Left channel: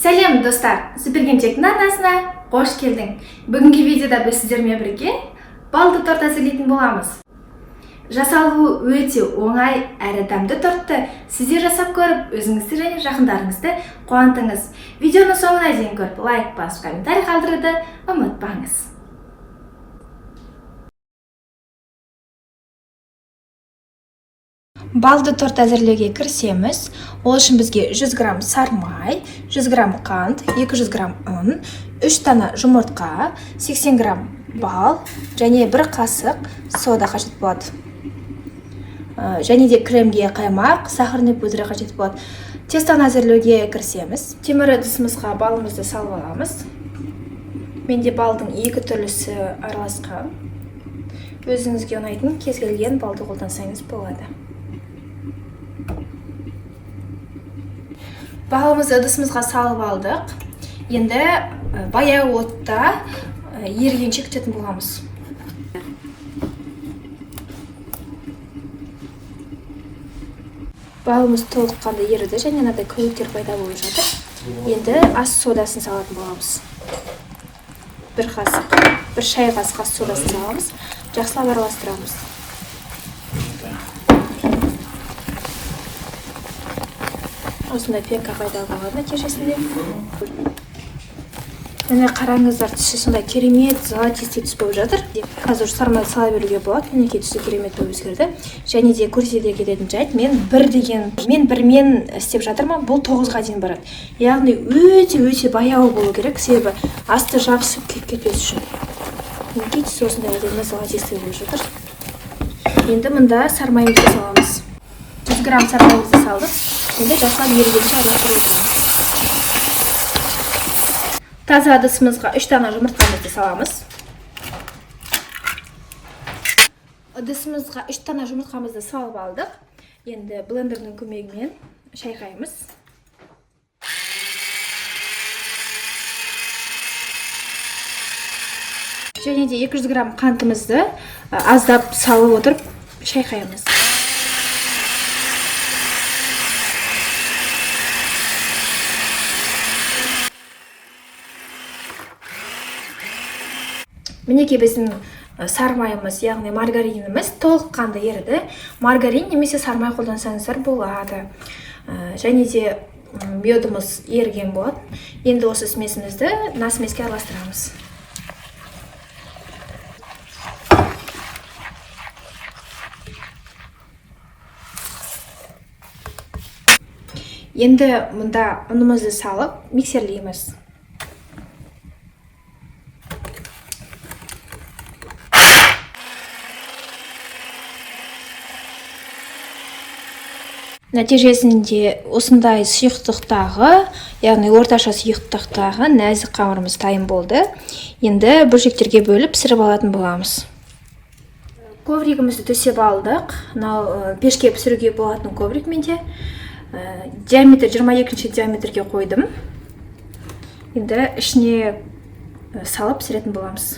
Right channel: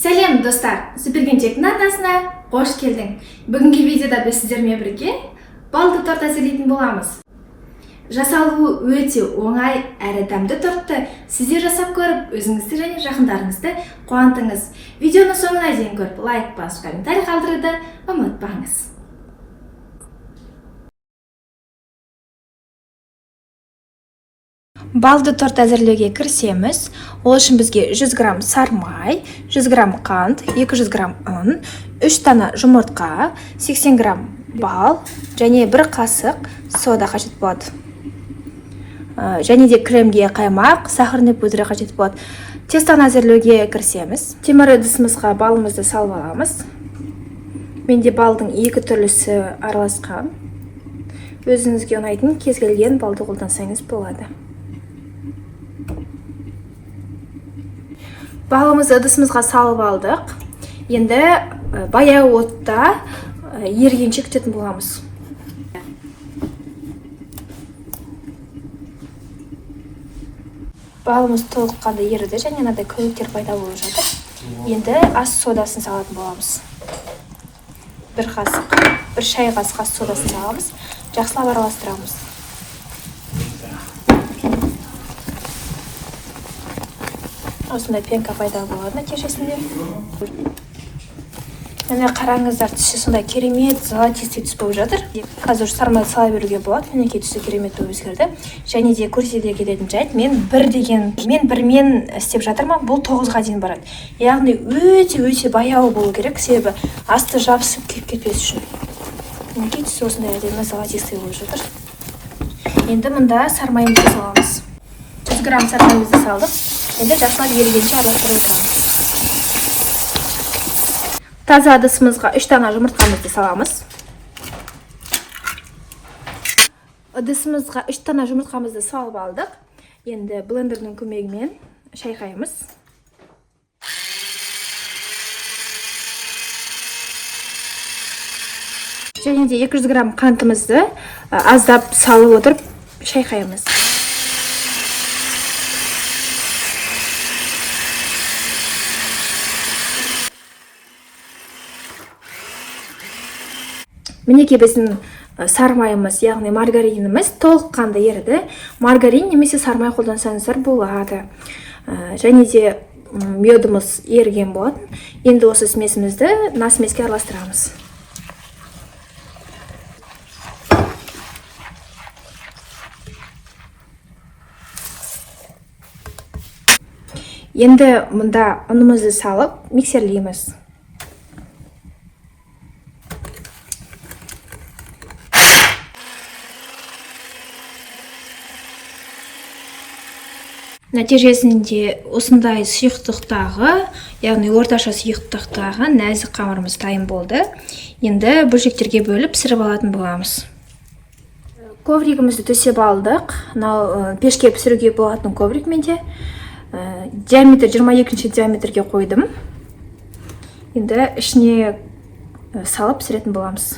Сәлем достар, Сүпергенчектің арнасына қош келдің. Бүгінгі видеода біз сіздермен бірге балды торт әзірлейтін боламыз. Жасалуы өте оңай әрі дәмді тортты сіздер жасап көріп, өзіңізді және жақындарыңызды қуантыңыз. Видеоны соңына дейін көріп, лайк басып, комментарий қалдыруды ұмытпаңыз. Балды торт әзірлеуге кірісеміз. Ол үшін бізге 100 грамм сармай, 100 грамм қант, 200 грамм ұн, 3 дана жұмыртқа, 80 грамм бал және 1 қасық сода қажет болады. Және де кремге қаймақ, сахарный пудра қажет болады. Тестаны әзірлеуге кірісеміз. Темір ыдысымызға балымызды салып аламыз. Менде балдың екі түрлісі араласқан. Өзіңізге ұнайтын кез келген балды қолдансаңыз болады. Балымызды ыдысымызға салып алдық. Енді баяу отта ергенше күтетін боламыз. Балымыз толыққанды еріді және мынадай көбіктер пайда болып жатыр. Енді ас содасын салатын боламыз. 1 қасық, 1 шай қасық ас содасын саламыз. Жақсылап араластырамыз. Осындай пенка пайда болады нәтижесінде. Міне қараңыздар, түсі сондай керемет золотистый түс болып жатыр. Қазір сармай сала беруге болады. Мінекей түсі керемет болып өзгерді. Және де көрсете кететін жайт, мен бірмен істеп жатырмын. Бұл 9-ға дейін барады. Яғни өте баяу болу керек, себебі асты жабысып күйіп кетпес үшін. Мінекей түсі осындай әдемі золотистый болып жатыр. Енді мұнда сармайымызды саламыз. 100 грамм сармайымызды салдық. Енді жақсылап ерігенше араластырып отырамыз. Таза ыдысымызға 3 дана жұмыртқамызды саламыз. Ыдысымызға 3 дана жұмыртқамызды салып алдық. Енді блендердің көмегімен шайқаймыз. Және де 200 грамм қантымызды аздап салып отырып шайқаймыз. Мінекей біздің сармайымыз, яғни маргариніміз толыққанды еріді. Маргарин немесе сармай қолдансаңыздар болады. Және де медымыз еріген болады. Енді осы смесімізді насмеске араластырамыз. Енді мұнда ұнымызды салып миксерлейміз. Нәтижесінде осындай сұйықтықтағы, яғни орташа сұйықтықтағы нәзік қамырымыз дайын болды. Енді бөлшектерге бөліп пісіріп алатын боламыз. Ковригімізді төсеп алдық. Пешке пісіруге болатын ковриг менде. Диаметр 22 диаметрге қойдым. Енді ішіне салып пісіретін боламыз.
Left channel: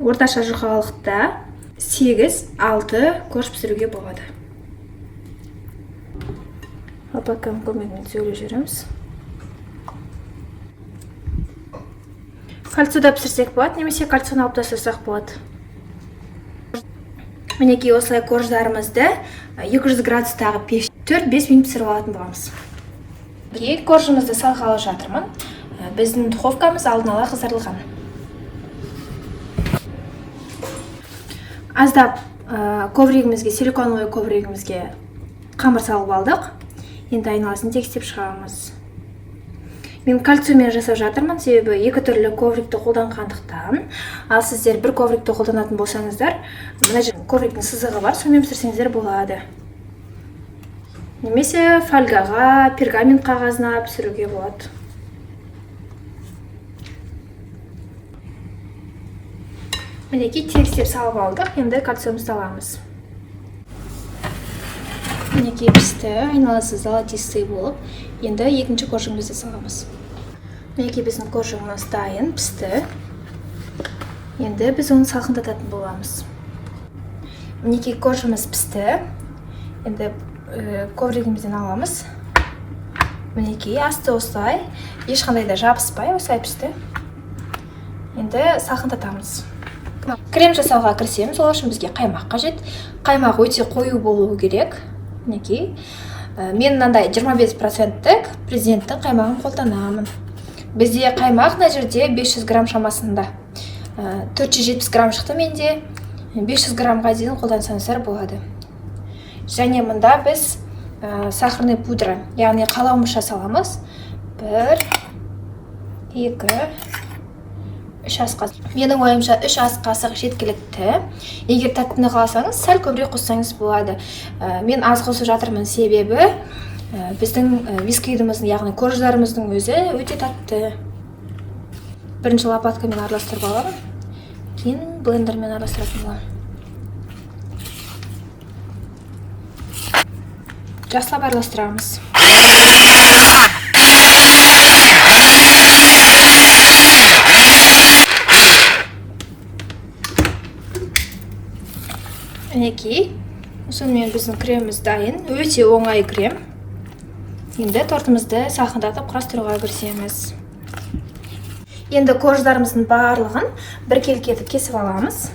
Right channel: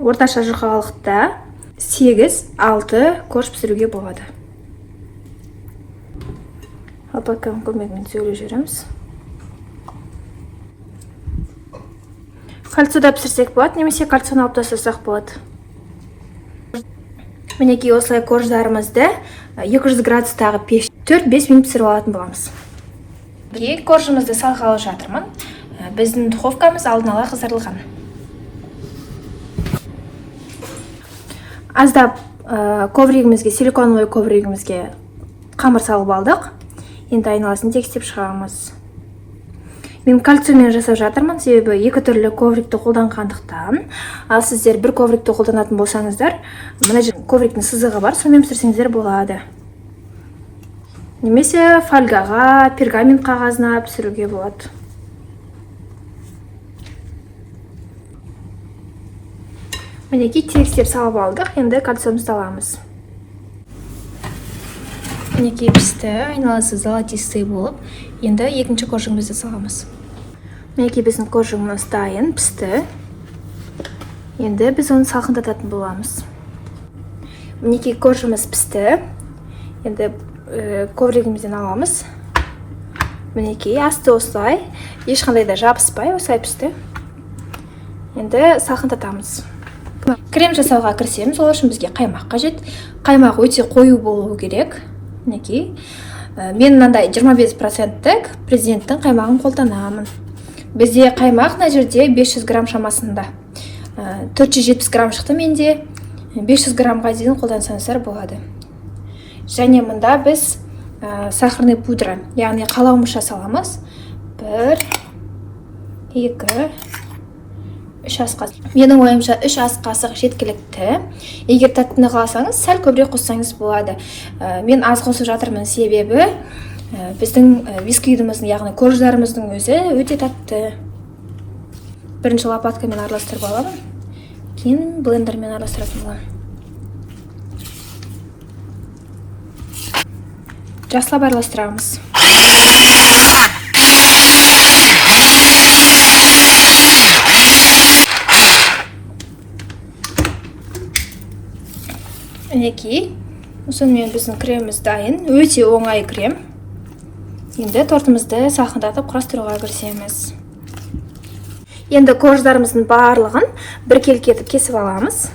Орташа жұқалықта 8-6 корж пісіруге болады. Алпаканың көмегімен сөйлеп жүреміз. Кальцияда пісірсек болады, немесе кальцияны алып тастасақ болады. Мінекей осылай корждарымызды 200 градустағы пеш 4-5 минут пісіріп алатын боламыз. Коржымызды салғалы жатырмын. Біздің духовкамыз алдын ала қыздырылған. Аздап ковригімізге, силиконовый ковригімізге қамыр салып алдық. Енді айналасын тегістеп шығамыз. Мен кальциямен жасап жатырмын, себебі екі түрлі коврикті қолданғандықтан. Ал сіздер бір коврикті қолданатын болсаңыздар, мына ковриктің сызығы бар, сонымен пісірсеңіздер болады. Немесе фольгаға, пергамент қағазына пісіруге болады. Мінекей тегістеп салып алдық, енді кальциумызды аламыз. Мінекей пісті, айналасы золотистый болып, енді екінші коржығымызды саламыз. Мінекей біздің коржығымыз дайын, пісті. Енді біз оны салқындататын боламыз. Мінекей коржымыз пісті. Енді ковригімізден аламыз. мінекей асты осылай, ешқандай да жабыспай осылай пісті. Енді салқындатамыз. Крем жасауға кірісеміз. Ол үшін бізге қаймақ қажет. Қаймақ өте қою болуы керек. Мінекей. Мен мынандай 25%-тік президенттің қаймағын қолданамын. Бізде қаймақ мына жерде 500 грамм шамасында. 470 грамм шықты менде. 500 граммға дейін қолдансаңыздар болады. Және мұнда біз сахарный пудра, яғни қаламұш жасаламыз. 1, 2, 3 ас қасық. Менің ойымша 3 ас қасық жеткілікті. Егер тәттіні қаласаңыз, сәл көбірек қоссаңыз болады. Мен аз қосып жатырмын, себебі біздің бисквитіміздің, яғни корждарымыздың өзі өте тәтті. Бірінші лопаткамен араластырып аламын, кейін блендермен араластыратын боламын. Жақсылап араластырамыз. Мінекей, сонымен біздің креміміз дайын. Өте оңай крем. Енді тортымызды салқындатып құрастыруға кірісеміз. Енді корждарымыздың барлығын бір келкетіп кесіп аламыз.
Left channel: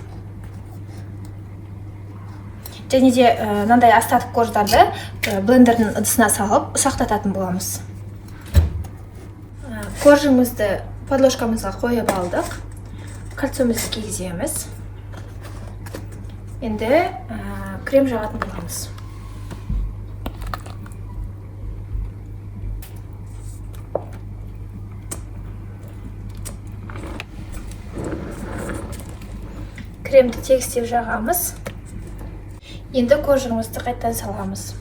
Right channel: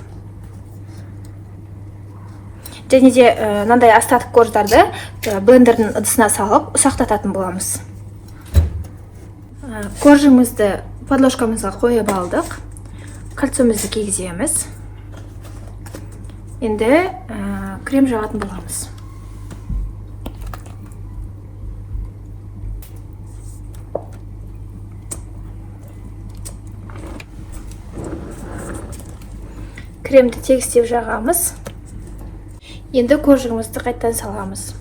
Және де мынандай астатық корждарды блендердің ыдысына салып ұсақтататын боламыз. Коржымызды подложкамызға қойып алдық. Кольцомызды кигіземіз. Енді крем жағатын боламыз. Кремді тегістеп жағамыз. Енді коржығымызды қайттан саламыз.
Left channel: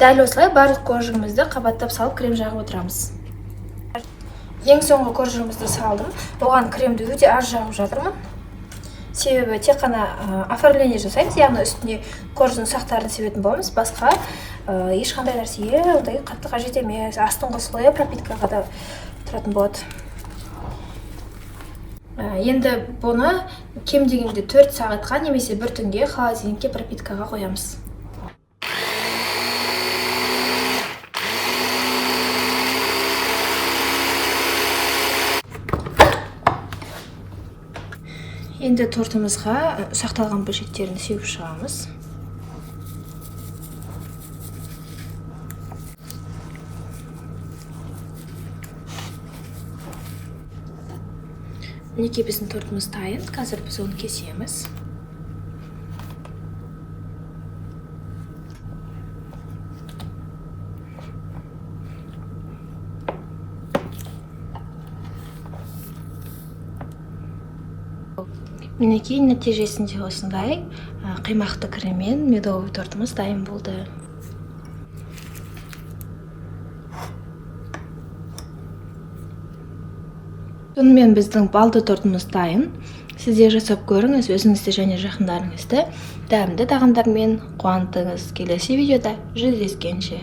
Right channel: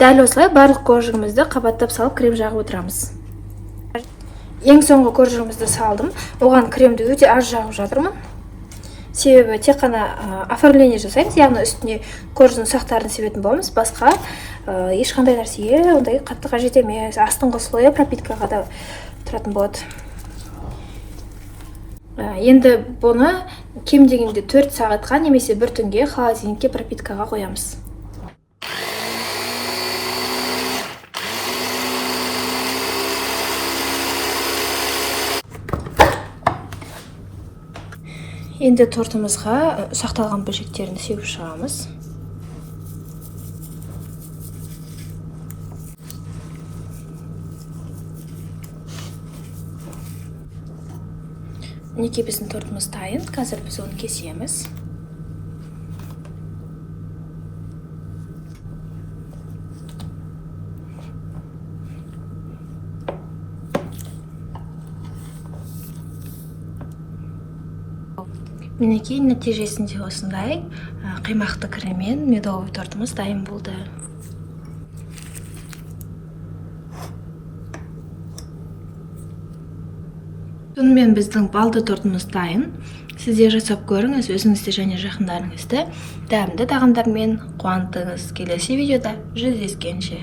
Дәл осылай барлық коржығымызды қабаттап салып крем жағып отырамыз. Ең соңғы коржығымызды салдым. Оған кремді өте аз жағып жатырмын. Себебі тек қана оформление жасаймыз, яғни үстіне коржының сақтарын себетін боламыз. Басқа ешқандай нәрсеге ондай қатты қажет емес. Астыңғы слойы пропиткаға да тұратын болады. Енді бұны кем дегенде 4 сағатқа немесе 1 түнге холодильникке пропиткаға қоямыз. Енді тортымызға сақталған бөлшектерін сеуіп шығамыз. Мінекей біздің тортымыз дайын. Қазір біз оны кесеміз. Мінекей нәтижесінде осындай қаймақты креммен медовый тортымыз дайын болды. Сонымен біздің балды тортымыз дайын. Сіздер жасап көріңіз, өзіңізді және жақындарыңызды дәмді тағамдармен қуантыңыз. Келесі видеода жүздескенше.